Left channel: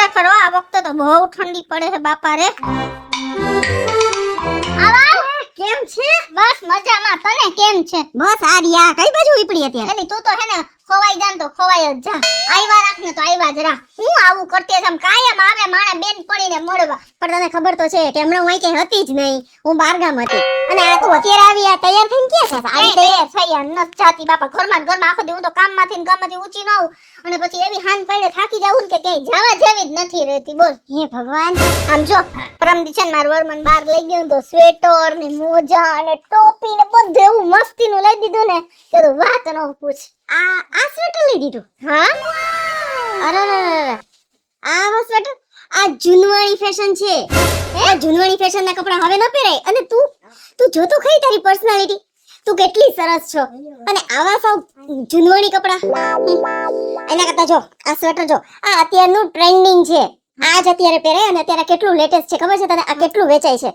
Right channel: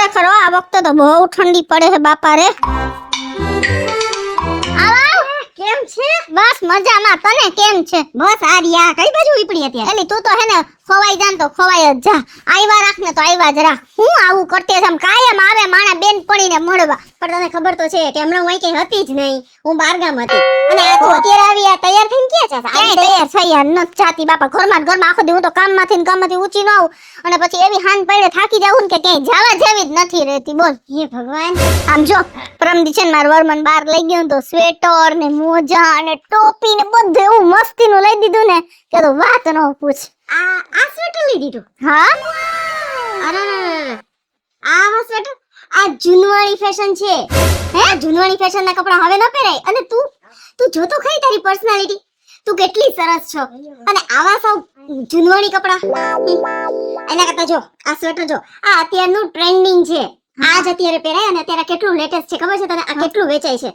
ખરેખર આ વખતે તો બહુ ઠંડી પડે છે બાપા રે. કેમ છે? બસ મજામાં. તને કેમ છે? બસ આ રિયા કઈ બાજુ ઉપડી અત્યારે? એલી તું તો હે ને ખોવાઈ જાન તો ખોવાઈ જ જા. આયવા રાખ ને તો આયવા જ રાખ. હું આવું કરતી છે કાયમ આવે માણા બેન પડીને મળવા. પણ તને ખબર તો છે કે હમણાં હું અહીં કઈ હતી જ નહીં, હું બારગામ હતી. અને આ તું અત્યારે આવી આ તૈયાર થઈને ક્યાં છે? આવી તૈયાર થઈ યાર નત જાતી બાપા. ઘરમાં આખો દી હું તો કામમાંથી ઊંચી ન આવું અને પછી એવી હાન પડીને થાકી જાઉં ને કે ક્યાંય જવા જેવી જ નથી રહેતી. બોલ હે ભગવાન. આમ જો પરમદી છે ને મારું વરમન બહાર લઈ ગયું તો સ્વેટર ને મોજા અને ટોપી ને બધું એવું મસ્તીનું લઈ દીધું ને કે તો વાત ન પૂછ. આ સ્વેટર લઈ દીધું? હા. અરે આ સ્વેટર આ જૂનવાણી ફેશન છે. હે જૂનવાણી ફેશન ના કપડા હવે ન પહેરાય. અને તું જો તો ખરી તારી પર્સનાલિટી, તું કેટલી સરસ છો. અને આવા સૌ જૂનવાણી કપડા એના કરતા જો આ સ્વેટર જો આ અત્યારનું ટ્રેન્ડિંગ છે. આજ અત્યારે પહેરાય અને અત્યારે કેટલું લેટેસ્ટ છે ખબર છે તને? આ કેટલું વેચાય છે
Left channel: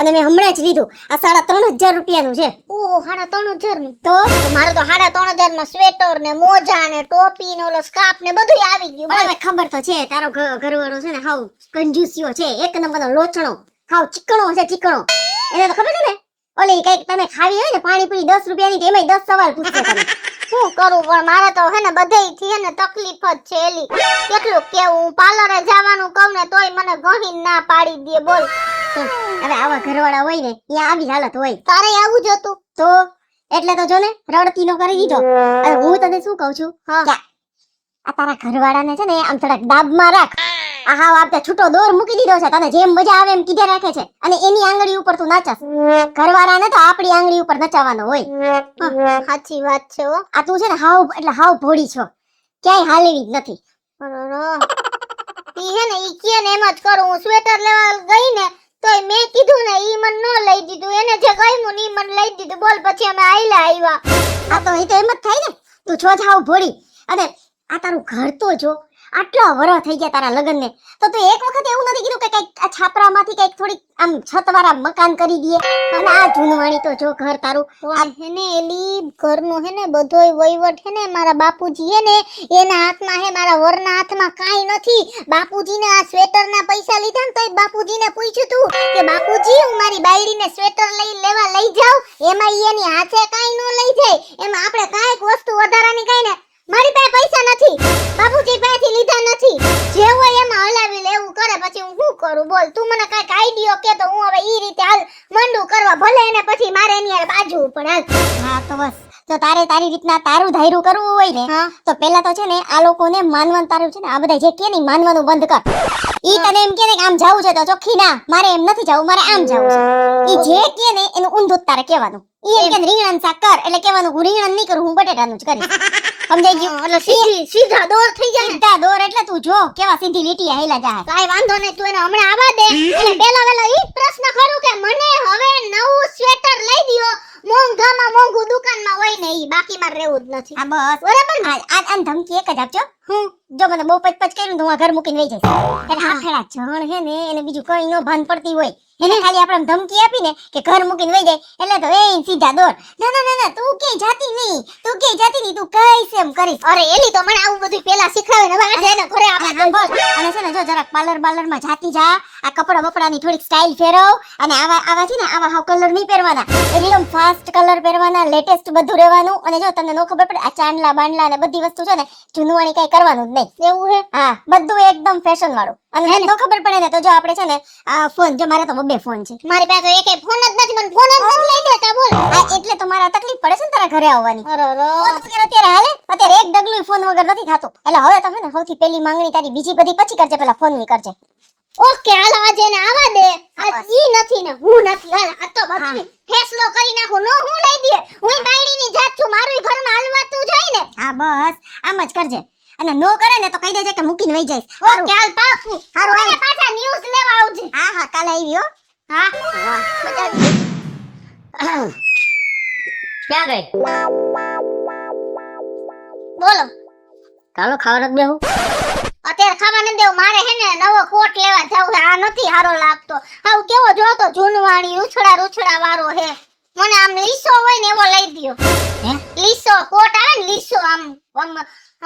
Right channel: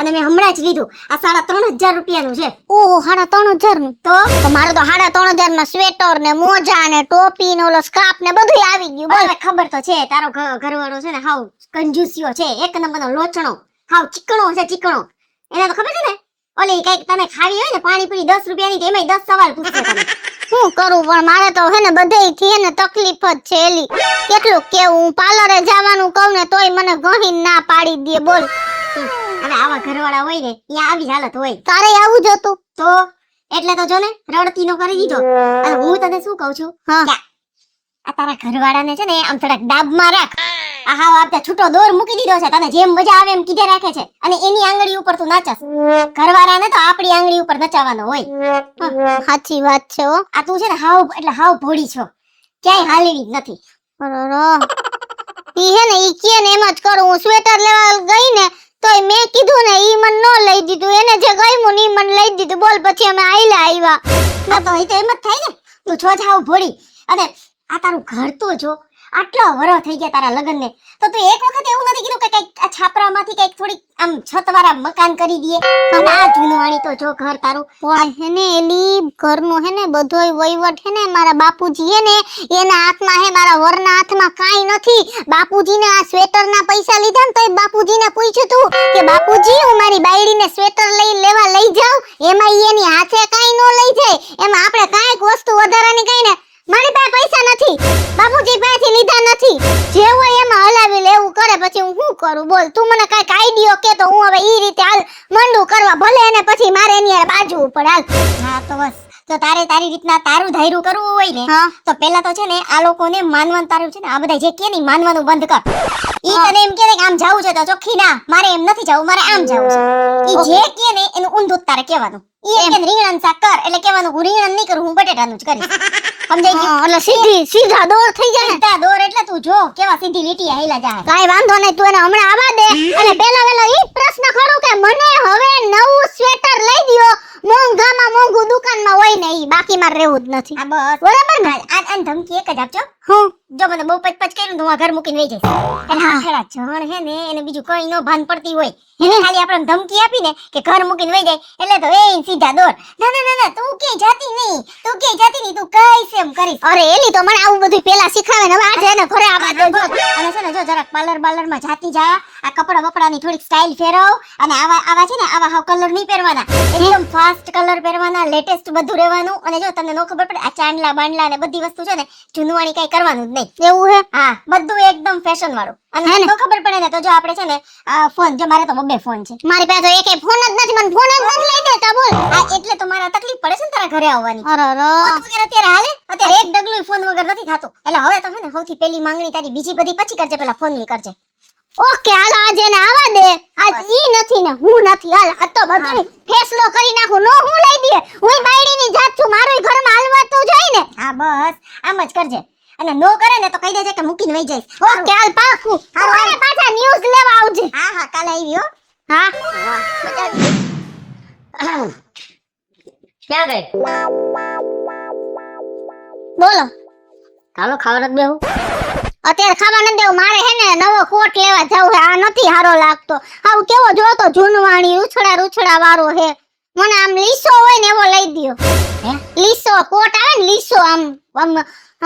અને મેં હમણાં જ લીધું. આ 3,500 રૂપિયાનું છે. ઓહો 3,500 નું. તો મારે તો 3,500 માં સ્વેટર ને મોજા ને ટોપી ને ઓલો સ્કાર્ફ ને બધું આવી ગયું. હવે ખબર તો છે તારો ઘરવાળો છે ને હાવ કંજૂસિયો છે, એક નંબરનો લોચણો, હાવ ચીકણો છે ચીકણો. એને તો ખબર છે ને ઓલી કઈક તને ખાવી હોય ને પાણીપુરી 10 રૂપિયાની તો એમાંય 10 સવાલ પૂછશે તને. શું કરું પણ મારે તો હે ને બધેયથી હે ને તકલીફ જ છે એલી. કેટલું કેવું હું પાર્લરે જવાનું કહું ને તોય મને ગહીન ના પાડી દે. બોલ હવે આવા ઘરવાળા હોય ને એ આવી હાલત હોય. તારે આવું જ હતું તો એટલે તો જો ને રડતી નો કરી દીધો. અને હું તને શું કહું છું કે આ તારા ઘરવાળાને છે ને આમ થોડાક ડાબમાં રાખ. આ હાવ આપતે છૂટો દોર મૂકી દીધો છે, તને જેમ મજા આવે એમ કીધે રાખે છે. અને એની આંગળી ઉપર તું નાચસ. ઘરવાળાને તો આપણી આંગળી ઉપર નચાવવાનો હોય. સાચી વાત છે હો. આ તું છે ને હાવ એટલે હાવ ભોળી છો, ક્યાંય હાલેવી જ નથી. ઈ હે ને ઈ કે ને એમ જ કરું. હું સ્વેટર લેવા ગઈ ને તોય મેં કીધું ને ઈ મને નો લઈ દીધું. એને જે ગમ્યું ને ઈ મને લઈ દીધું. બોલ પછી અમે આવ્યા. આ તો ઈ તો એમ જ થાય ને, તું છો જ હાવ ભોળી. અને આ તારું ઘર તો જો આટલા વરસ થઈ ગયા તારા લગ્ન ને, તો તું એક વખત એવું નથી કીધું કે કઈક આ છાપરામાંથી કઈક થોડીક આમ છતવાળા મકાન કરી દઈએ? અને આ જૂનવાણી તો જો ઘર તારું હે ને એલી ઘરનું હે ને બધોય વહીવટ હે ને મારા બાપુજી હે ને એના હાથમાં હે. મારા વરના હાથમાં કાઈ નથી. બાપુજીને આ સ્વેટરના પૈસા લીધા ને તો બાપુજીને પૂછ્યું તું કે બાપુજી હું મારી બાયડીને સ્વેટર લેવા લઈ જાઉં, એમાં એની હાથે કાઈ નો લઈ જાય. એમાં આપણે કાઈક વસ્તુ વધારાની કઈ ને મારી પાસે પૈસા નથી, બાપુજી પાસેથી લીધા નથી. જે હોય એમાં હલાવી લેવું કરે. પછી હું શું કરું? બોલ તું મને કાઈક આઈડિયો કે તો હું હવે ઈ રીતે હાલ મંડું કરવા. ભલે એને પછી મારે એની બાજુ ઉપર હાલ. હા તો બસ તો તારે તારી રીતના તારું ધાયરું કરવું હોય ને તો પહેલા તો છે ને આ લોકોને માનવાનું તારું છે ને આ બધા જે કે ની માનવાનું બંધ કર. ઈ તને એમ કે આમ જાવું છે તો ચોખ્ખી ના, મારે એમ નથી જાવું, મારે આમ જાવું છે. ઈ જે કે ને એનું ઊંધું તારે કહેવાનું. ઈ એમ કે રીંગણ શાક કર એટલે કહેવાનું હું રીંગણ નહીં કરું, હું બટેટાનું જ કરીશ. સમજાઈ ગયું? એટલે સીધા દોર થઈ જાય. સીધા દોર એટલે તું જો કેવા સીધી લીટી હેલા જાય. કાઈ વાંધો નહીં, તું એને હમણાં આવવા દે. અને પેલા ઈ પ્રશ્ન કરું કે મને હવે નવું સ્વેટર લઈ દ્યો. મોંઘામાં મોંઘું દુકાનમાં હોય ને ઈ બાકી મારે રહેવું જ નથી. આ બસ બરાબર ને. આ ધમકી એક જ આપજો. હું જો મને બહુ પચપચ કર્યું તો હું આ ઘર મૂકીને વઈ જઈશ. એટલે આખેડા જણ હે ને એને બીજું કઈ નો ભાન પડતી હોય. એને ખાલી આપણે ધમકી આપીને કે ઘર મૂકીને વઈ જાય એટલે તો એ સીધા દોર. ના ના ના ના તું ક્યાંય જાતી નહીં, તું ક્યાંય જાતી નહીં, તું કઈશ એમ કરીશ. અરે એલી તો મને આવું બધું પેલા શીખાવે ને હવે આજે એને ઘરે અને છે ને જો જરાક પાર્લર માં જાતી જા. આ કપડા બપડાની થોડીક સ્ટાઇલ ફેરવ. અને આવા છે ને આવા હાવ કલર નહીં પહેરવાના, એકદમ ફાસ્ટ કલર પહેરવાના, લેટેસ્ટ બધું રહેવાનું. અને જો તમને નો ખબર પડે આ ચાંદલા બાંડલા ને બધી વસ્તુ છે ને જૂનવાણી કઈ કરવાનું જ નહીં. એવું હે? હા બધું એકદમ ફેશન વાળું. અને નો ખબર પડે ને તો જો આપણે છે ને ફોન જો મારે તો બબે ફોન છે. મારી પાસે એકે ફોન જ નથી. મને ફોન જ નથી લઈ દેતા. બોલ એટલે તો મારા તકલીફ પડે છે ને તારા ઘરે આવવાની. અરે અત્યારે હાલે અત્યારે એક ડગલું ફોન વગર નથી થાતો. એટલે હવે તો છે ને સૌથી પહેલી માંગણી તારી બીજી બધી પછી કરજે, પેલા ફોન ની કરજે. ઓકે હાલો આજે એને આવવા દે. આજ ઈ નથી ને હું નથી. હાલ આ તો બધું ફેસલો કરી નાખું. નો હું લઈ દે. હું બાયડીની જાત છું, મારોય ઘરમાં હાલવા તો જોઈ ને. હા બસ આમ જ કરજે. અને નો કરે ને તો કહી દેજે કે મૂકીને વઈ જઈશ. ઓકે હાલ પાકું. હારું હાલ પાછા ન્યૂઝ લેવા આવજે. હા હા કાલે આવી હો. હા મજા આવી. ક્યાં ગઈ? બોલો ચાલો ખાવા નથી બેહું. અત્યારે ખાવા નથી દેવું. મારે હે ને નવો કોટ લેવા જાવ. આ નથી હારો લાગતો. આવ કેવો જોતો જૂનવાણી ઉછળા વાળો હે. મને આમ લીસો હોય ને એવો લઈ દ્યો. હે? લીસો કોટ આવે ને લીસો આમ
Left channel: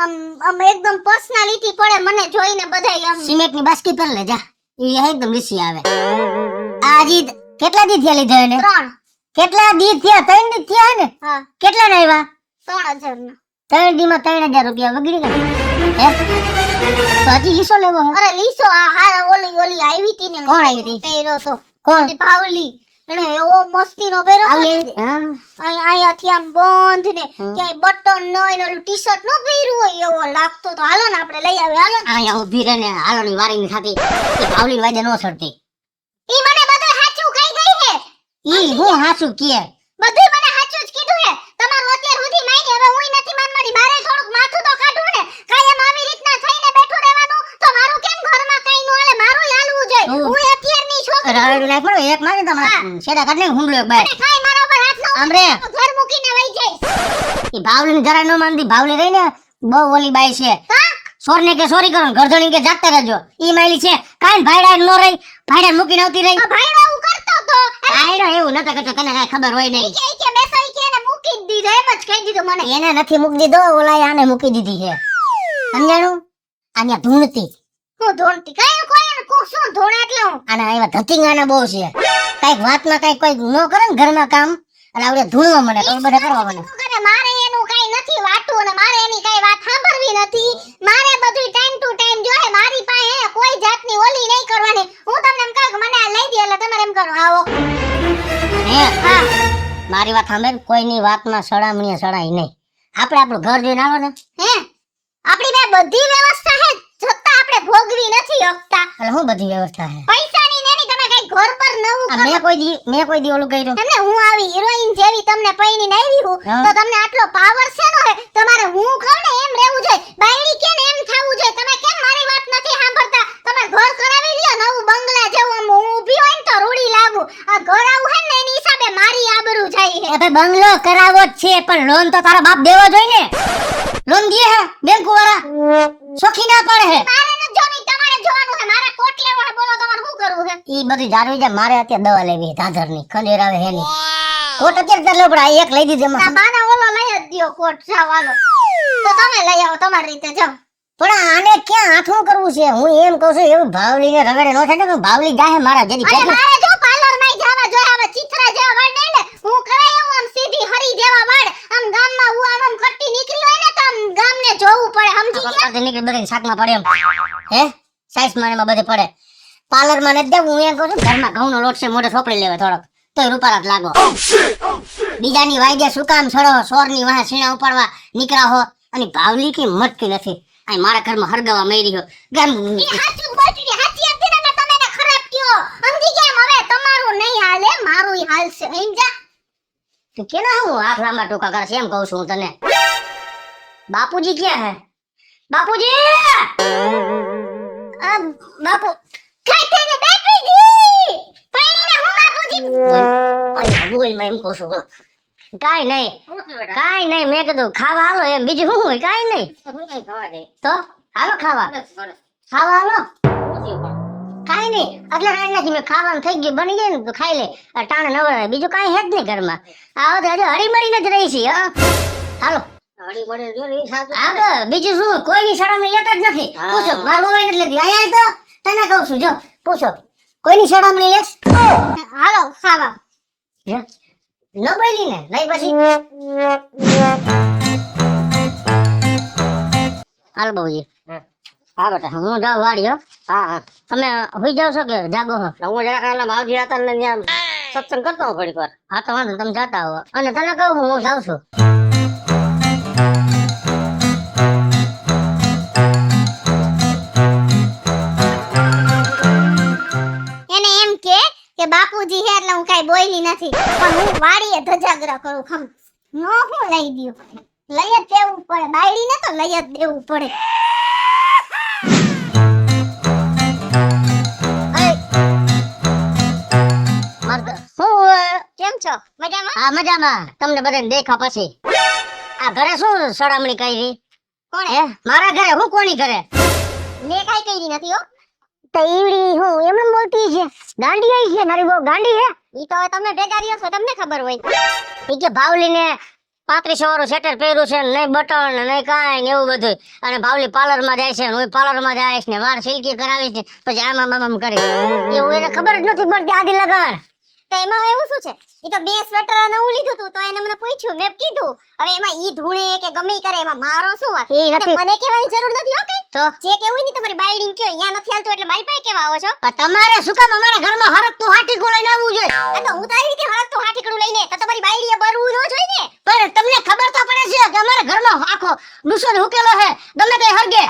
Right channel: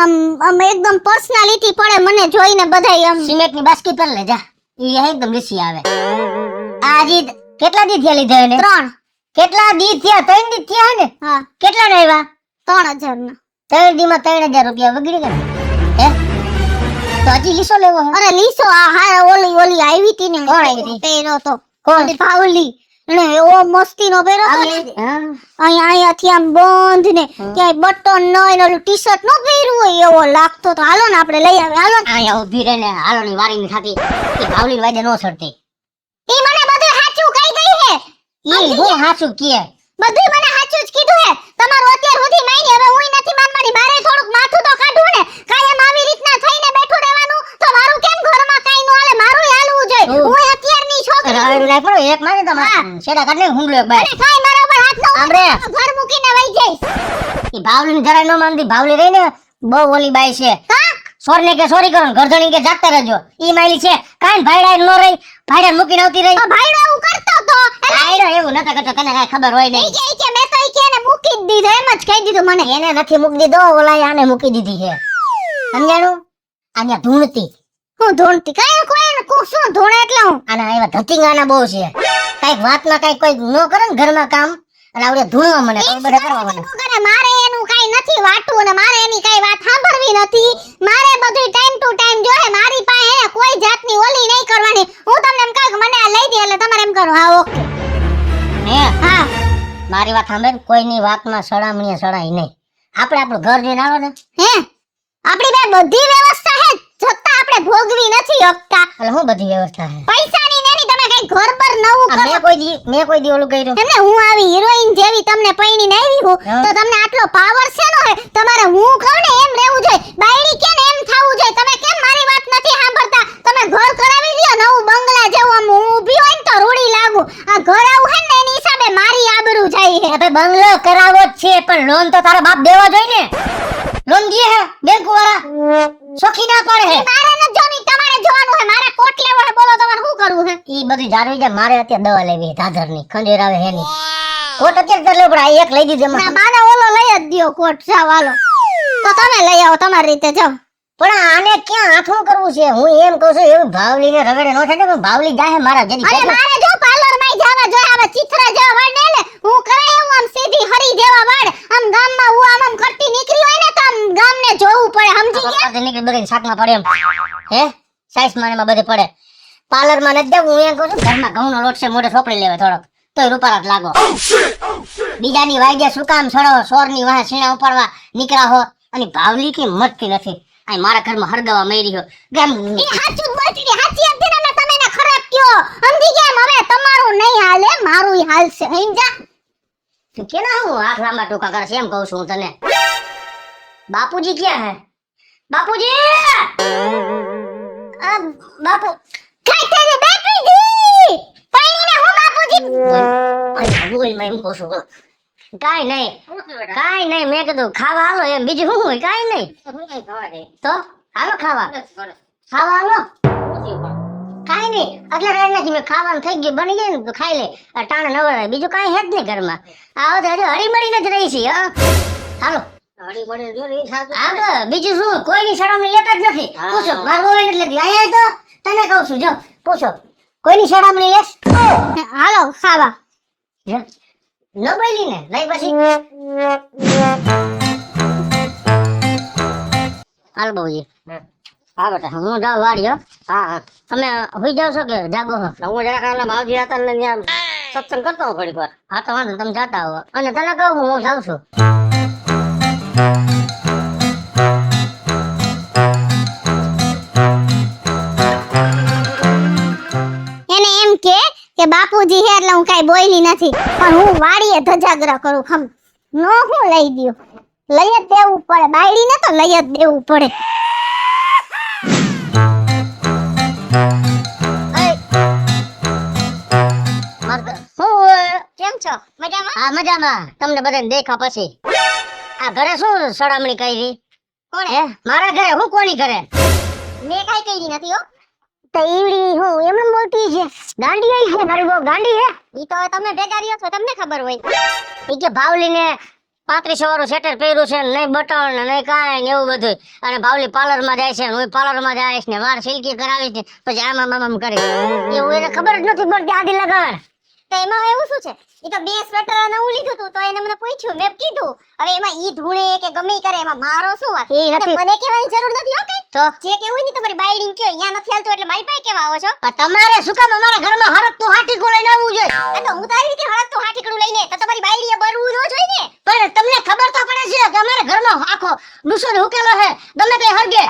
આમ એકદમ પર્સનાલિટી પડે મને જોઈને બધાય આમ સિમેન્ટ ની બાસ્કી પર લે જા ઈ એકદમ લીસી આવે આજી કેટલા દી થયા લીધા એને 3 કેટલા દી થયા 3 દી થયા ને હા કેટલા ના આવ્યા 3000 ના 3 દી માં 3000 રૂપિયા વગડી ગયા હે તો હજી લીસો લેવો હે? અરે લીસો આ હા ઓલી આવી હતી ને કોણ આવી હતી? પેરો તો કોણ ઓલી પાવલી અને ઓ મસ્તી નો પેરો હા અહીંયાથી આમ બંધ ને ક્યાંય બટન ન હોય ને ઓલું ટી શર્ટ નો પહેર્યું હોય એવો લાગતો તો હાલો ને આપણે લઈ આવે હાલો ને અહીંયા ઊભી રહે ને હાલો ની વારી ની થાતી એ ભાવલી વાજે નો ચડતી ઈ મને બધું સાચું કહી ગઈ હે ઈ હું હાચું કીએ બધું મને સાચું જ કીધું હે તમારું અત્યાર સુધી માની હવે હું નથી માનવાની મારે થોડુંક માથું તો કાઢવું ને કાયમ આવી રીતના થઈને બેઠું રહેવાનું તો મારું કેમ ઘરમાં કાઈ ન હાલે મારું હાલવું જોઈએ હું અત્યારની છોકરી રાવેડું નાખ પડો એક મારી તો શેડા કાઢ ને હુંડલો એક બાય અને કાઈ મારા ઉપર હાથ ન આમ રે ઘર મૂકીને વઈ જઈશ ઈ ભાવલી ની જરાય નો માનતી ભાવલી રહી ને બહુ ઓલી બાઈ છે હા સોર ને કે સોરી કરો ગરધણી કે જાગતા રહેજો ઈ માયલી છે કાઈ ભાઈડા નો રહી ભાઈડા મૂકીને આવતી રહી ભાઈડો એવું કરતો તો ભાઈડો એવું નતો કરતો તને કાઈ ખબર હોય નહીં કે મેસઈ કે ને મૂકી જ દીધો એમ જ કહી દીધું મને એને નથી મૂકી દીધો ઓલા આને મૂકી દીધી છે સમજાણું આન્યા ધૂણતી હું ધોણતી કાઈ કોઈ કો શું ધોણે એટલે હું આના એવા ધતિંગાના બહુ છે કઈક વાતમાં કઈક કોઈ નો કરે ને ઘરમાં કામ એટલે આવડે ધૂણવા મને કોઈ બધા કરવા મને કરે મારે એનું કાઈ નથી વાટવું ને મારે એની કાઈ વાત સાંભળવી નથી મારે બધું ટાઈમ ટુ ટાઈમ જોહે મારી પાસે કોઈ જાતની ઓલી નહીં કરવાની હું તમને એમ કહું કે મને આ લઈ દે એટલે તમારે એમ કરો આવો હે હા મારી વાત સાંભળ કોઈની વાતમાં સડામણીએ સડાય નહીં આપણે આપણું ઘર જોઈને આવો ને હે આપણી બે બધી વ્યવસ્થા હે છતાં આપણે ભોગવી નથી શકતા એટલે હું બધી વ્યવસ્થા છે પૈસાની ને તમે કઈ ઘર પર નવું આ મેં કોઈ દી ઓલું કર્યું તમને હું આવી હિરોઈન જેવી તમને પૈણીને આવી હું હા. તો તમને આટલો પાવર છે નો હે તમારે હું કહું ને એમ રહેવું જોઈએ બાયડી કે ને એમ થાવું જોઈએ તમે કેમ મારી વાત નથી સાંભળતા તમે ઘર કરાવી લ્યો નવું બંગલા જેવું આમ હું ઊભી હોય ને તો રૂડી લાગુ આ ઘર આવું હે ને એની હિસાબે મારી આબરૂ જાય હે એ ભાઈ બંગલો કરાવો જ છે પણ લોન તો તારા બાપ દેવા જોઈએ ને લોન દીએ હે બેંક વાળા સોખી ના પડે હે મારે ન જોની તમારે જોવાનું હે મારે કોટ લેવો હે બોલો તમારે શું કરવું હે ઈ બધી જાળવી જાય મારે અત્યારે દવા લેવી ધાધરની ખંડેર આવે હે ની કોટ અત્યારે લેવો પડે આ એક લઈ દીધી ના એમાં બાને ઓલો લઈ જ દ્યો કોટ જાવાલો તો તમે લઈ આવો તમારી રીતે જાઓ પણ આને ક્યાં આઠું કરવું છે હું એમ કહું છું એવું ભાવલીને રગડે નો થાય ને ભાવલી જાહે મારા જેદી અરે મારે જો પાર્લર માં જવા જોઈએ હવે ચિત્ર જેવા વાળ ને લે હું કરે એવું આમ સીધી હરી જેવા વાળ આમ ગામમાં હું આમ કરતી નીકળી હોય ને તો આમ ગામને જોવું પડે સમજી ગયા પકડતી નીકળી બધી શાકમાં પડે એમ હે સાઈઝ માં એમાં બધે પડે પાર્લર માં નથી દેવું હું એમ કહું છું ઘરમાં ઘઉંનો લોટ છે મોઢે સોપડી લેવે થોડોક તોય રૂપારા જ લાગો બીજાની વાયદે શું કામ છોડો સોરની વાહે સીણા ઉપાડવા નીકળા હો અને ભાવલી કે મટતી નથી આ મારા ઘરમાં હરગાવા મરી રહ્યો કેમ ઈ હાચું જ બોલતી હતી હાચી હતી ને તમે એને ખરાબ કયો સમજી ગયા હવે તમારું નહીં હાલે મારું હાલશે સમજા તું કેના હું હાથ લાંબા ટૂંકા કરે છે એમ કહું છું હું તને બાપુજી ક્યાં હે બાપુજી બાપુ કઈ તેને બેટરી દી પૈણીને હું બાપુજી બોલ મેં એમ કહું છું કાઈ નહીં મેં કીધું ખાવા હાલો એમ બીજું શું હોય કાઈ નહીં તો હાલો ખાવા હાલો કાઈ નહીં એટલે કાઈ નથી મેં ખાવાનું થઈ ગયું બની ગયું ને તો ખાઈ લે ટાણે નવરાય બીજું કાઈ હે જ નહીં ઘરમાં આવો તો હજુ હળીમળીને જ રહી છે હાલો હા તો બીજું શું કોઈની સડામણી લેતા જ નથી પૂછો મારું મોબાઈલ નથી લેતી અહીંયા તો તને કહું છું જો પૂછો કોઈની સડામણી લેશ હાલો ખાવા ન બોલી ને લઈ પછી હાલ બહુજી હા બેટા હું જાઉં વાડી હો હા તમે હોઈ જાવ છો કે જાગો હો હું જરા કાલે માવજી હતા ને ત્યાં સત્સંગ કરતો હોઉં ઘડીક વાર હા તો વાંધો તમે જાતા હો અને તને કહું હું જાઉં છું એને એમ કે બાપુજી હે એટલે હું કાઈ બોલી નથી પણ હું વાડીએ ધજાગરા કરું ખમ નો હું લઈ દ્યો લઈ જ દેવું પડે બાયડીને તો લઈ જ દેવું પડે કેમ છો મજામાં હા મજામાં તમને બધાને દેખા પછી આ ઘરે શું સડામણી કરી કોણે હે મારા ઘરે હું કોની ઘરે મેં કાઈ કરી નથી હો તો ઈવડી હું એમ બોલતી છે ગાંડી આઈ છે મારી બહુ ગાંડી હે ઈ તો હવે તમે ભેગા રહ્યો છો તમને ખબર હોય ઈ કે ભાવલીને 35 વાળું સ્વેટર પહેર્યું છે ને નહીં બટન ને નહીં કાંઈ ને એવું બધું. અને ભાવલી પાર્લર માં જાય છે ને હું પાર્લર માં જઈશ ને વાળ સિલ્કી કરાવીશ ને પછી આમ કરી એવું એને ખબર જ નથી પડતી આદિ લગાડ. તો એમાં એવું શું છે? ઈ તો 2 સ્વેટર નવું લીધું તું તો એને મને પૂછ્યું, મેં કીધું હવે એમાં ઈ ધૂણે કે ગમે ઈ કરે એમાં મારો શું વાત? ઈ નથી. મને કહેવાની જરૂર નથી હો કઈ. તો જે કેવું ની તમારી બાયડીને કયો અહીંયા નથી હાલતું એટલે મારી પાસે કેવા આવો છો? પણ તમારે શું કામ અમારા ઘરમાં હરકતું હાટીકું લઈને આવવું જોઈએ? આ તો હું તારી રીતે હળકતું હાટીકડું લઈને તો તમારી બાયડીએ બરવું ન જોઈએ ને. પણ તમને ખબર તો પડે છે કે અમારા ઘરમાં આખો ડુસો હુકેલો હે ગમે તે હરગે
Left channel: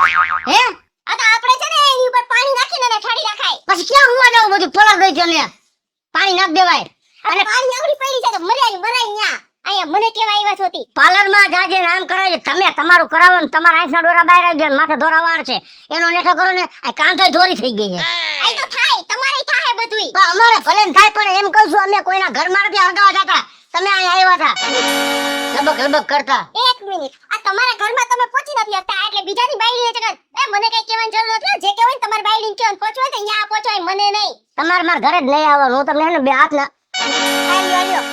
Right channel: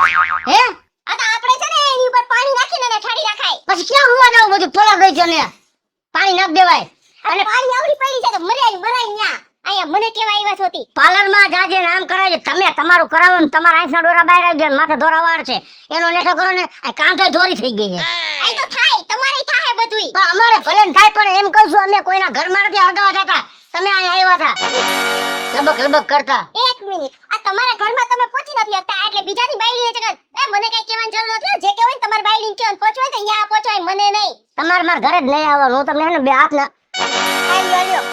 હે. આ તો આપણે છે ને એની ઉપર પાણી નાખીને એને ઠાડી નાખાય. પછી ક્યાં હુવા જવું બધું પલળ ગઈ છે ને પાણી નાખ દેવાય. અને પાણી આવડી પડી છે તો મરાય ન્યા. અહીંયા મને કેવા આવ્યા છો તી? પાર્લર માં જાજે ને આમ કરાવજે. તમે તમારું કરાવો ને તમારા આંખના ડોરા બહાર આવી ગયા ને માથે દોરા વાળ છે એનો નેઠો કરો ને આ કાંઠે દોરી થઈ ગઈ છે. આ તો થાય તમારે થાય બધુંય. પણ અમારે ભલે ને થાય પણ એમ કહું છું અમે કોઈના ઘરમાં નથી હરગાવા જતા. તમે અહીંયા આવ્યા હતા લબક લબક કરતા. એક મિનિટ, આ તમારા ઘરમાં તમે પહોંચી નથી શકતા એટલે બીજાની બાયડીને ચકર મને કઈ કહેવાની જરૂર નથી. જે કહેવાય ને તમારી બાયડીને કહેવાનું પહોંચવાય તો અહીંયા પહોંચવાય મને નહીં. તમારે મારા ઘરે જ નહીં આવવાનું. હું તમને હે ને બે હાથ ના આલ્યો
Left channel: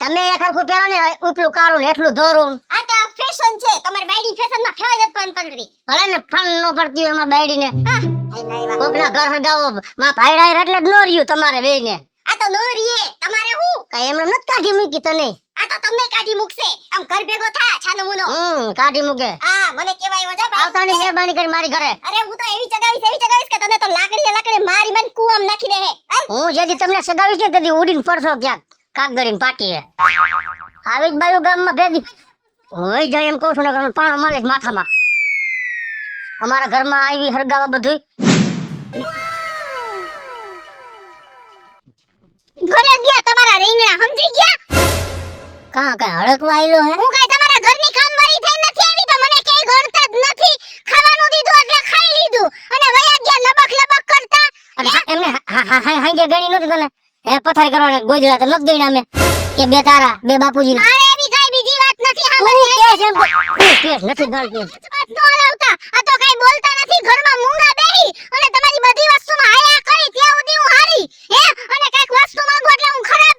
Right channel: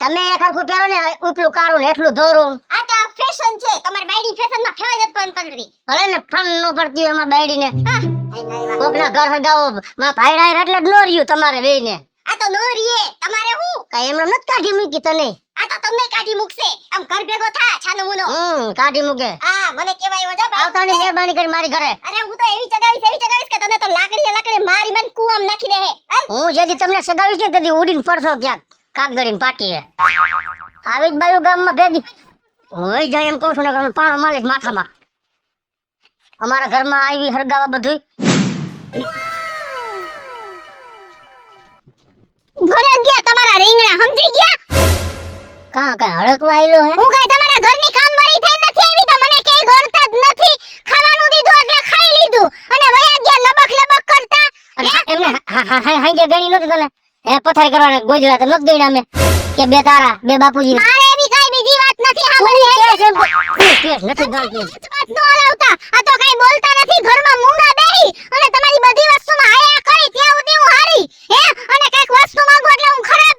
તમે એક હરખું પહેરો ને ઉપલું કાળું ને એટલું ધોરું. આ તો ફેશન છે. તમારી બાયડી ફેશનમાં ફેવાય જ પણ પંદરી. ભલે ને ફન નો પડતી હોય એમાં બાયડી ને હા કોકના ઘર હરગાવો માં ભાઈડા એટલે જ નો રહ્યું તમારે વેઈને. આ તો નો રીએ તમારે હું કઈ એમને નથી કાઢી મૂકી તને. આ તો તમને કાઢી મૂકશે. આમ ઘર ભેગો થા છાનો મુનો. કાઢી મૂકે. હા મને કેવાય વજા આવતાની મહેરબાની કરી મારી ઘરે. અરે હું તો એવી ચગાવીશ કે તને તો લાકડી મારી મન કુવામ નાખી દે હે. હું જેથી તમને સગાવીશ ને તેથી ઉડીને પડશો ક્યાંક કાગદરીને પાટીએ. આવી જ બાયુ ગામમાં ભેગી હોય જાય એમ કહું છું ને પાણો માલે માથામાં. અમારા ઘરમાં આવી હરગાવા બધું ઘરે ગયા તમારા રીંગણા સમજી ગયા? કાં કાં હળકવા આયલો હે. હું કઈ તમારા ઘરની કામવાળી થઈ નથી આવી તો મને કઈ ગળતા જ નથી. ખાવાનું દીધું એટલે ખાઈ લીધું અને વયા ગયા લબક લબક કરતા. અને એમને હાઈ ગણી નહોતી તને હે પથારી કરવાને ગોજડા તો નથી ગઈ અમે કે બે તારા બે બાપુજી મારે એવી કઈ બીજી વાત નથી તું સાંભળવી. કેસ નથી ગણતી. વાત ન લાવતા. આ તો કઈ બોલતા નથી. ઘરમાં મૂંગા બેહી અને તમારી બધી વસ્તુમાં આયા કરી ત્યાં સુધી હું હારી હે અને કઈક વસ્તુ માંગો એટલે હું ખરાબ.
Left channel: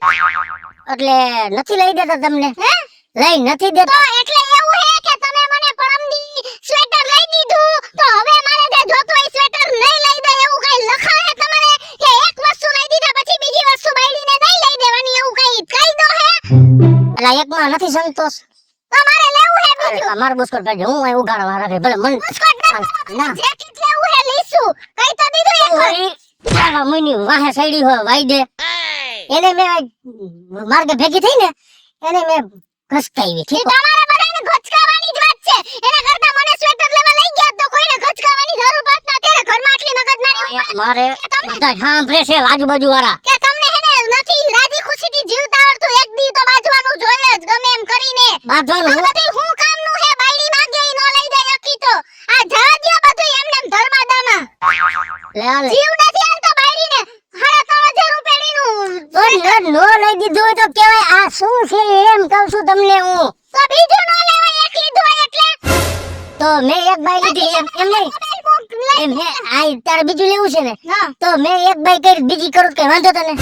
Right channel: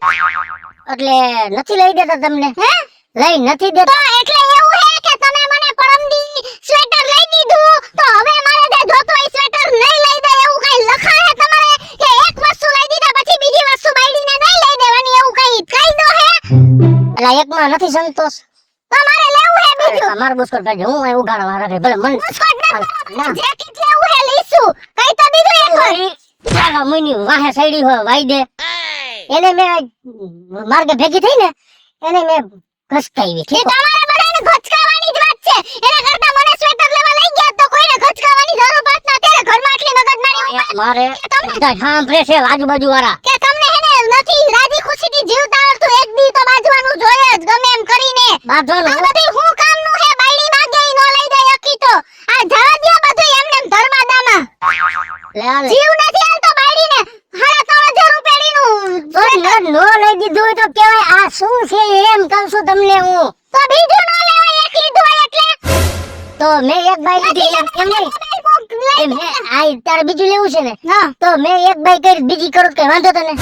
એટલે નથી લઈ દેતા તમને હે લઈ નથી તો દેતા. એટલે એવું હે કે તમે મને પરમદી સ્વેટર લઈ દીધું તો હવે મારે તે ધોતોય સ્વેટર નહીં લઈ દે એવું કઈ લખા હે તમારે કે એક વસ્તુ લઈ દીધા પછી બીજી વસ્તુ બાયડીને નહીં લઈ દેવાની એવું કઈ કાયદો હે? એટલે એકમાં નથી સંતોષ. તમારે લેવું હે બીજું? અમારું બુસ્કોટ કાઢજો હું અહીં ઉગાડવા રાખે ભલે મન બુસ્કોટ ના. ના જેકેટ લેવું હે લીસું કઈ તો દીધું એક વાર. ઓય મુની વાહે સાઈડી હોય વાઈ દે એને મેં માર્ગે ભેગી થઈ ને એને મેં ઘસકાવી એ તમારે બધાને ઘચકાવાની જ વાત છે. એના કરતા મને સ્વેટર લેવા લઈ ગયા તો કોઈને ઘચકાવાની જરૂર પડત ના. ત્યારે ઘરમાં આટલી મગજમારી મારે બધા સાંભળે છે આજુબાજુ વાળા કે તમને હેને નથી રાજી ખુશીથી જીવતા આવડતું. એક દી તો બાજવાનું જોઈએ જ ગમે એમ કરીને. બાંધવાનું આ બધી હું કામનું હે? બાયડી માંગે ઈ નો લઈ દે અકી તો. આ જવા દ્યો બધું એમને એમ ધર્માદામાં. લે આ લે. જીવ નથી હાલતો બાયડીને. 3,500 રૂપિયાનું નો લઈ દીધું હોય તો કેવાય આ શું છે એમ કહું છું તમને હું. તો બીજું નો લેવાય. એક લીધું હોય એટલે તો મેં એક બાઈ લીધી એમ નહીં એમ હે આ તારે બીજું લેવું છે ને હા તો મેં એક બાઈ કરી બીજી કરું કે વાંધો તને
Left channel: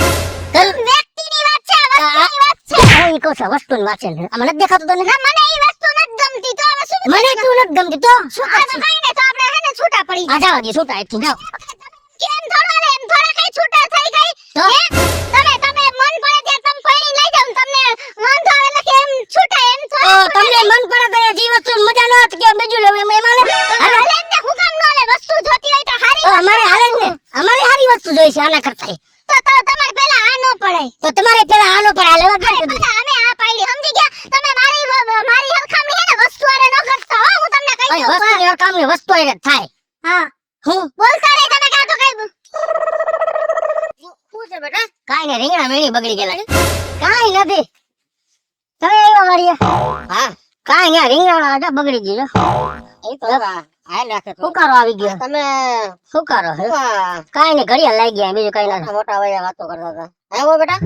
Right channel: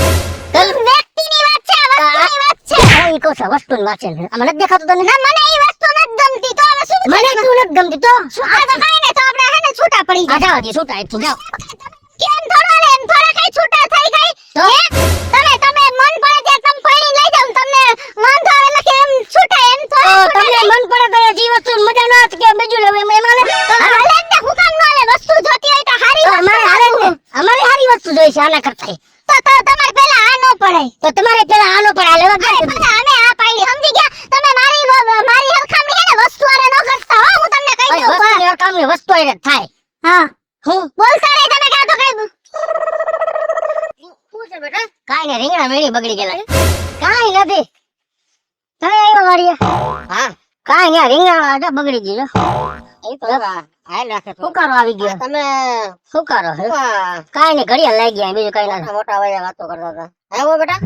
વ્યક્તિની વાત છે. વસ્તુની વાત છે. ઈ કહું છું વસ્તુની વાત છે આમાં નથી દેખાતું તને. ના, મને ઈ વસ્તુ નથી ગમતી. તો હવે શું મને તું નથી ગમતી તો શું આ તો કાંઈ નહીં. તો આપણે હેને છૂટા પડી આ જાવ દે છૂટા એક જાવ. કેમ થોડા ને એમ થોડા કઈ છૂટા થઈ ગઈ તો? હે તમે મન પડે ત્યાં તમે ફરી લઈ જાવ તમને વાંધો આવે નથી એમ છૂટા એમ તો થોડા તમને મન પડે તો જે વસ્તુ મજા ન આવે કે બીજું લેવું એમાં હાલે ને હુકામ નો લે વસ્તુ જોતી હોય તો હારી તો અમારે હારે ને અમારે હારી વસ્તુ જોઈ છે આના કરતા. તો તમારે પહેલા આ નો પડાય તો તમારે પેલા આનો પર આ લેવા ગયા બધા અમે આ પાડી સમજી ગયા તમે મારી હરખામણી હે ને વસ્તુ આરે ન કરતા હો હું તમને કહી દઉં વસ્તુ ની કામની વસ્તુ એને થાય. હા હું બોલતા રહી તમે કાં તો કઈ શું છે બેટા? કાઈ ને રીંગણા મેળી બગડી ગયેલા. કાઈ નથી તમે આવ્યા મારીએ હા કાઈ ને રીંગણા હતા બગડી ગયું. એ તો હાલ રાખે સુકારો આવી ગયો. તમે સુકારો હે કાઈ ને ઘડિયાળ લાગી ગયા બીજું કઈ ના. મોટા વયા વાતો કરતા હતા. આવો બેટા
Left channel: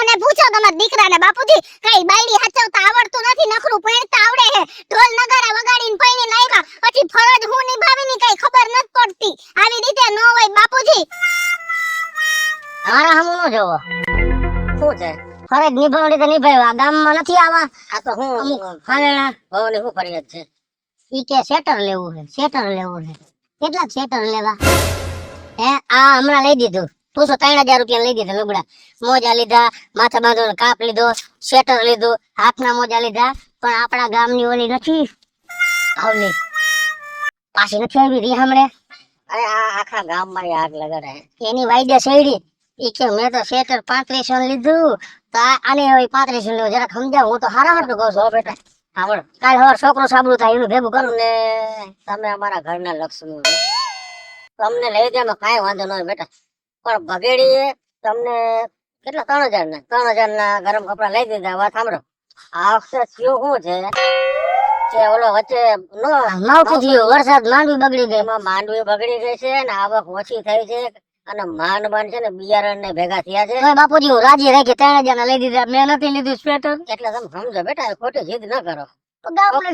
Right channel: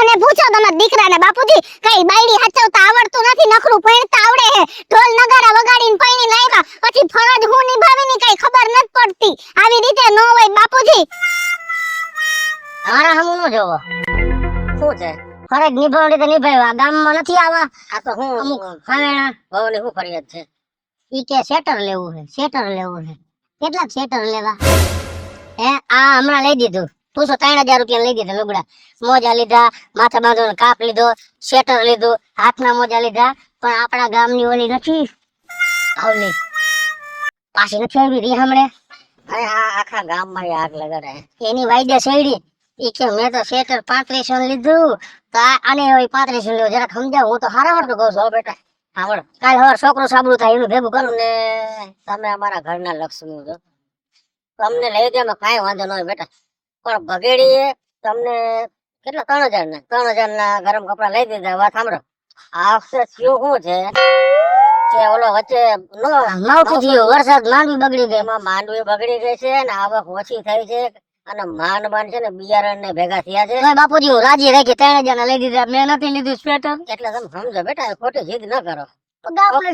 અને પૂછો તમારા દીકરાને બાપુજી કઈ બાયડી હચવતા આવડતું નથી નખરું પૈણતા આવડે હે ઢોલ નગારા વગાડીને પૈણી લાવ્યા પછી ફરજ હું નિભાવીની કઈ ખબર નથી પડતી આવી રીતે ન હોય બાપુજી. હારા હમુ નો જોવો શું છે ફરજ નિભાવણી તો નિભાવ્યો આ ગામમાં નથી આવા આ તો હું અમુક હાવેણા ભવની શું ફરિયાદ છે? ઈ કે શેટર લેવું છે શેટર લેવું છે કેટલાક શેટર લેવા હે આ હમણાં લઈ દીધું 3,000 રૂપિયા લઈ દીધા લુગડા મોજા લીધા માથા બાંધવાનો કાપ લીધો શેટર લીધું હાથના મોજા લીધા પણ આપણા ગામની ઓલી નથી આવલી પાછી નથી આવી રહી હમણે અરે આ આખા ગામમાં ય આગ લગાડે. એની વાયદે શેડી ઈ કે મેં તો શેટર 3500 લીધું તો આને હવે 3500 લેવો જરાક સમજાવ હું તો હારા હાટું કહું છું હો બેટા સાંભળો, કાલ હવાર છોકરો સાબડું થાય એનું ભેગું કરું તમને તમે અમારા ઘરના લક્ષ્મી છો. તમને લઈ દેવામાં કાંઈ વાંધો ન હોય બેટા, પણ ભગેડીએ તમને કેટલા 3,000 ના ગરમ કપડા લઈ દીધા. વાત સાંભળો, આ વખતે થયું શું છે કે ઓલો વચ્ચે માવઠું થયું વરસાદ માંડવી બગડી ગઈ એમાં માંડવી બગડી ગઈ છે ને આવક ઓછી થઈ છે અને માંડ છે ને બિયારણ ને ભેગા થયા છે. તોય બાપુજી હું રાજી રાખી 3,000 ના લઈ દીધા મેં નથી લીધું સ્વેટર એટલે તમે સમજો બેટા, ખોટી જીદ ન કરો. ગામડે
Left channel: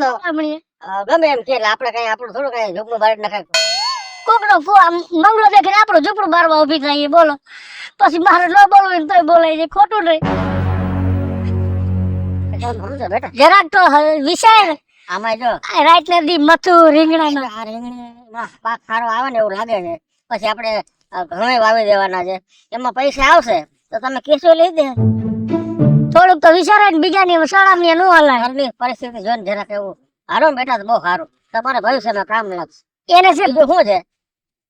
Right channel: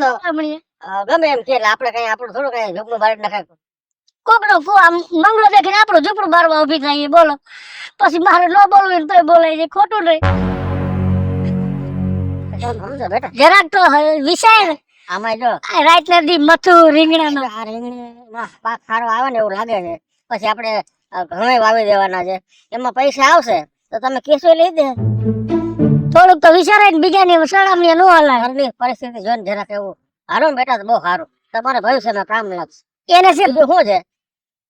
ગમે એમ કે એટલે આપણે કઈ આપણું થોડું કઈ ઝૂકનું બાળ નખાય. કોકનો મંગળો દેખીને આપણું ઝૂંપડું બારવા ઉભી થાય બોલો પછી મારે ન બોલવું તોય બોલાય છે ખોટું નહીં સમજો બેટા, જરાક તો વિચાર આમાં જો આ રાતના દી મથું રીંગણાનો આ રીંગણીમાં પાક સારો આવે ને એવું લાગે છે, પછી આપણે ઘણા વાવી દેવાના છે, એમાં પૈસા આવશે તો તમે કેસો લઈ દે. થોડુંક તો વિચારાય ને બીજાની સળામણી ન હલાય ઘરની પરિસ્થિતિ જોઈને જરાક એવું હારો ને બેટા તો બહુ સારું, તમારે ભવિષ્યમાં કામ લાગશે. એને છે બીજું શું છે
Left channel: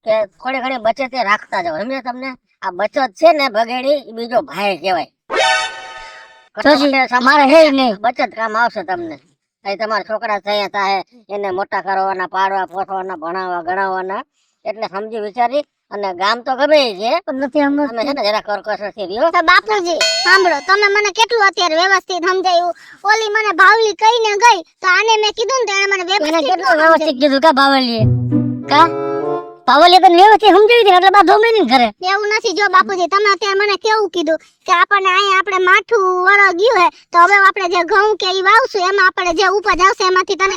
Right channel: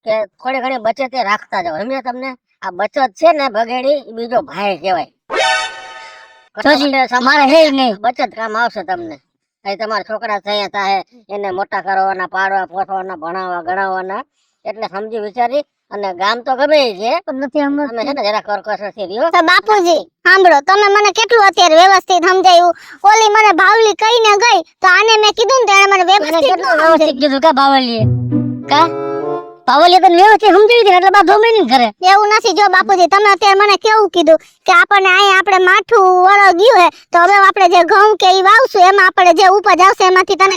કે થોડી ઘણી બચત એ રાખતા જાવ. સમજ્યા તમને? આ બચત છે ને ભગેડી એ બીજો ભાઈ કહેવાય. મારે હે નહીં બચત કામ આવશે તમને. અહીં તમારા છોકરા થયા થાય એને મોટા કરવાના, પાડવા પોસવાના, ભણાવવા ગણાવવાના, એટલે સમજી વિચારી અને ગામ તો ગમે ઈ છે પણ નથી આમાં તમે છે ને જરા કરકસરથી રહ્યો. તો બાપુજી સાંભળો, તમે મને કેટલું અત્યારે વ્યવસ્થિત સમજાયું. ઓલી મને ભાવલી કહીને ગઈ તો આને મેં કીધું ને તો મને એને વ્યવસ્થિત કેટલું વ્યવસ્થિત કીધું કા બાવલીએ કા બાવલીએ તો વ્યવસ્થિત સમજાવી દીધું એટલે બાધો મેં નહીં કરે એવું નથી. જો બાપુજી તમે અત્યારે મને કેવું કીધું કે આપણને અહીંયા આપણે માઠું વળો ગયું હે તો હવે આપણે જે ઘઉં કે ઈ વાવશું એમાં આપણે જે ઉપજ આવશે એમાંથી તમે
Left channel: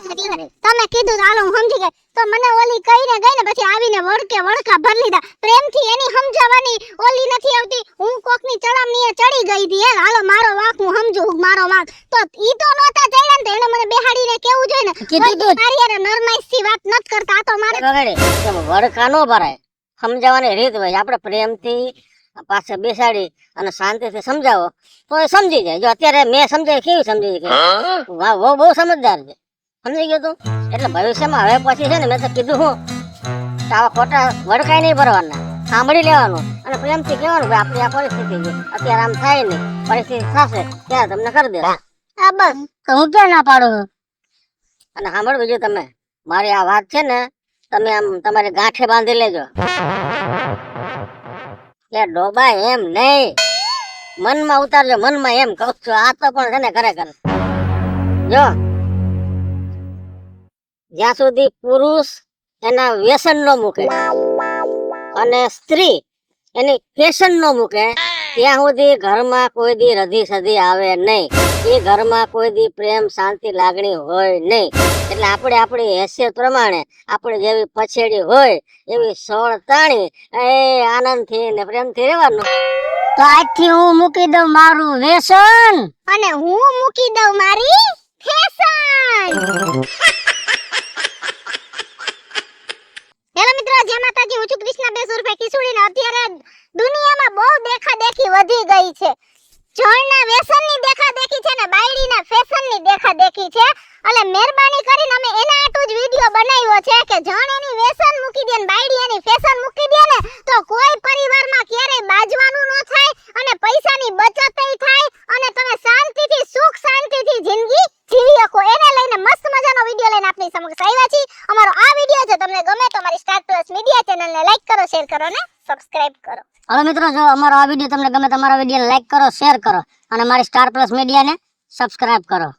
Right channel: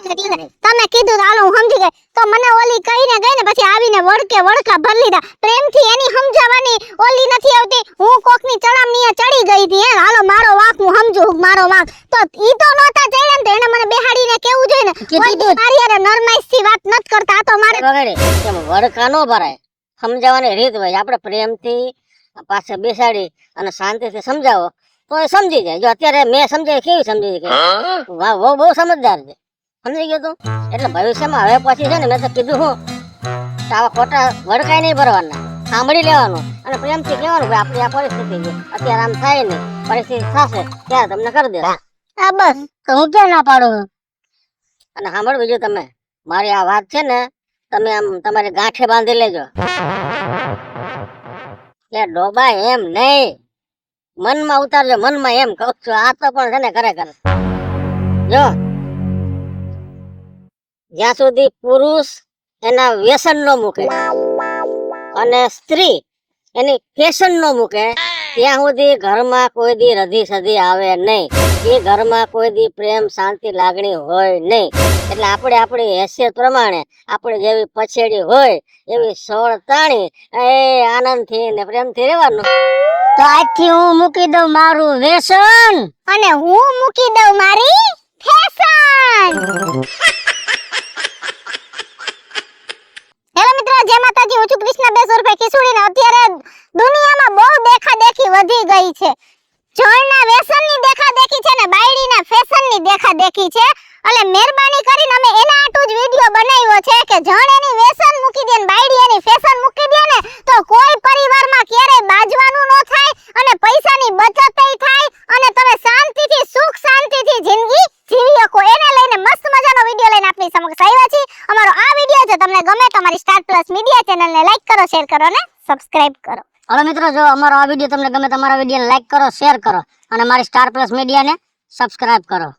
કીધું તો હાલો હું સમજી ગઈ. તો મને ઓલી કહીને ગઈ ને પછી આવીને વળકા ભરી લીધા. પ્રેમથી એની સમજાવવાની ઓલી નથી આવતી. હું કોકની ચડામણીએ ચડી ગઈ હતી હે હાલો મારો વાંક હું સમજુ મારો વાંક. તો ઈ તો નહોતા ચડ્યા ને તો એને મને બેહાડીને કેવું જોઈએ ને કીધું તો. મારી યાર નરમાઈથી વાત નત કરતા. આ તો મારે વગાડે કેમ વડકા નો ભરાય, સમજાવવાની રીત હોય. આપણે પ્રેમથી પાસે બેસાડી અને શાંતિથી સમજાવો તો એ સમજી જાય. જો અત્યારે મેં સમજાય કેવી સમજી ગઈ, વાહ બહુ સમજદાર છે, સમજી ગયો તું. એટલે ભવિષ્યમાં હવે પછી છે ને મેં તો કીધું હું કે આવા ખોટા વડકાઈ નહીં ભરવાના, સાંભળી લેવાનું અને પ્રેમથી કહેવાનું કે આપણી આ પરિસ્થિતિ છે, અત્યારે આમ થાય નહીં, પરિસ્થિતિ થશે ત્યારે તમને કરી દે. આ બસ તો હું ક્યાં ના પાડું અને સાંભળ બીજું, તમે મારી આ વાત છે ને તમે આમ તમારી ગાંઠે બાંધી લેજો કે ડોબા એમ નહીં, મનમાં ઉતારજો, મનમાં એમ કહું છું. આ તો પણ છે ને ખરેખર જો જ્યાં સુધી પુરુષ એના વ્યસન નો મૂકે અને સ્ત્રી એની ફેશન નો મૂકે ત્યાં સુધી ઘરમાં કોઈ દી રધી સધી આવે નહીં, એ ઘરમાં કોઈ દી પ્રેમ શાંતિ લાગણી હોય નહીં. એટલે આપણે આપણી હેસિયત પ્રમાણે આપણે જેવી પછેડી હોય એવી સોળ તાણી એ આનંદથી ને પ્રેમથી રહેવાનું. તો આજથી હું મૂકી દઉં મારું વ્યસન અને હું મૂકી દઉં મારી ફેશન. હેલો મિત્રો, જય માતાજી. હું છું કૃષ્ણા 200 રૂપિયા ખીસુડીને. અત્યારે દુનિયામાં બહુ દેખાદેખી વધી ગઈ છે. જળના વ્યસનની દેખાદેખી છે ને બાયડીના ફેશનની દેખાદેખી છે. એટલે મહેરબાની કરીને અમે એના આટું જ વિડિયો બનાવ્યો છે કે જણ એની વ્યસન મૂકી દે ને બાયડી એની ફેશન મૂકી દે ને તો કોઈ પરિવારમાં ક્યારેય બાજવાનું ન થાય અને પૈસાની બચતય થાય અને તમે શાંતિથી સુખ શાંતિથી જિંદગી જીવી શકો. એને લઈને મસ્ત મજાનો વિડિયો લઈને આપની સમક્ષ આવ્યા છીએ. અમારો આ વિડિયો જો તમને ગમે તો અમારી સ્ટાર પ્લસ મીડિયા ચેનલને લાઈક કરો, શેર કરો અને સબસ્ક્રાઇબ કરો. હવે મિત્રો જો અમારો આ વિડીયો તમને ગમે તો અમારા વિડીયોને લાઈક કરો, શેર કરો અને મારી સ્ટાર પ્લસ મીડિયાને સબસ્ક્રાઇબ કરો.